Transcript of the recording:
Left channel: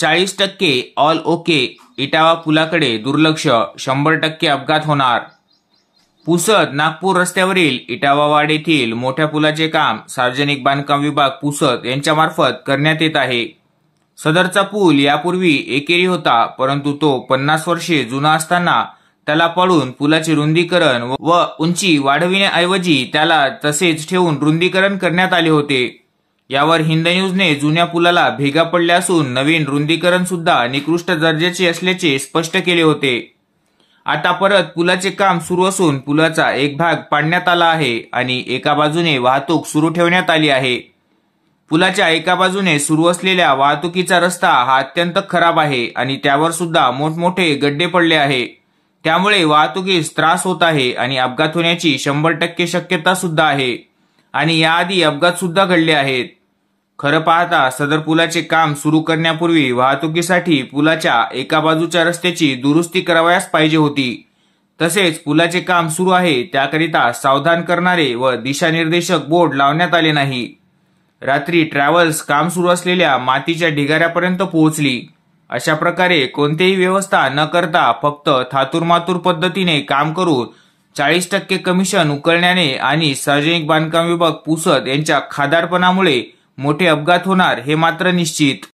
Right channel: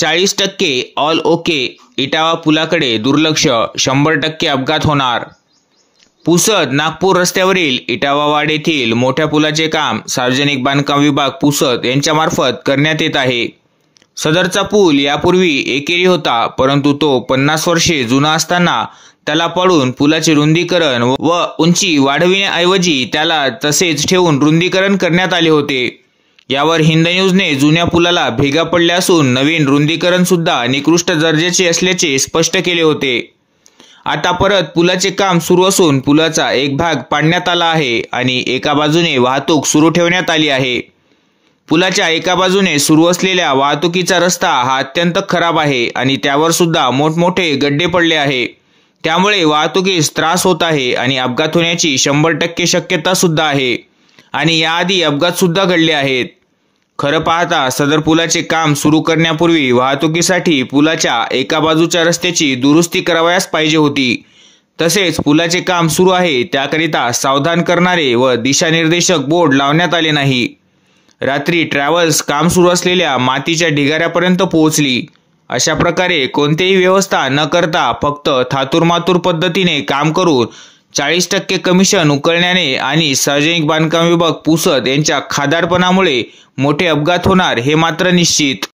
40% all okay, Etawah पुलाकडे दुर्लक्ष, 100% अपघात होणार। पुसद नागपूर रस्त्यावरील इटावावाड येथील मोठ्या पुलाचे काम सार्वजनिक बांधकाम विभाग पुसद यांच्यामार्फत करण्यात येत आहे। सदरचा पूल यापूर्वी एकेरी होता, परंतु तो 50 वर्षे जुना असताना त्याला पाडून पुलाचे रुंदीकरण व उंची वाढविण्याऐवजी त्याला तसेच ठेवून रुंदीकरण करण्यात आले होते। यावर हिंद न्यूजने जुन्या पुलाला भेगा पडल्या असून नवीन रुंदीकरण सुद्धा निकृष्ट दर्जाचे असल्याचे स्पष्ट केले होते। आता परत पुलाचे काम सुरू असून पुलाचा एक भाग पाडण्यात आला आहे आणि एका बाजूने वाहतूक सुरू ठेवण्यात आली आहे। पुलाच्या एका बाजूने सुरू असलेल्या वाहतुकीचा रस्ता हा अत्यंत खराब आहे आणि त्यावर सुद्धा मोठमोठे गड्डे पडले आहे। त्यामुळे वाहतुकीस त्रास होत आहे आणि अपघात होण्याची 100% शक्यता सुद्धा आहे आणि याआधी अपघात सुद्धा घडले आहेत। खरं पाहता सदर पुलाचे काम सुरू करण्यापूर्वी वाहतुकीसाठी पुलाच्या एका बाजूच्या रस्त्याची दुरुस्ती करावयास पाहिजे होती। तसेच पुलाचे काम सुरू आहे त्याकरिता सावधान करणारे व दिशानिर्देशक बोर्ड लावण्यात आले नाही। रात्री ट्रॅव्हल्स काम सुरू असलेल्या मातीच्या ढिगाऱ्यापर्यंत पोहोचली। अशा प्रकारे कोणतीही व्यवस्था न करता फक्त थातुरमातुर पद्धतीने काम करून 40% कमिशन उकळण्याने आणि सार्वजनिक बांधकाम विभाग पुसद यांच्या खादाडपणामुळे मोठे अपघात होणार हे मात्र निश्चित।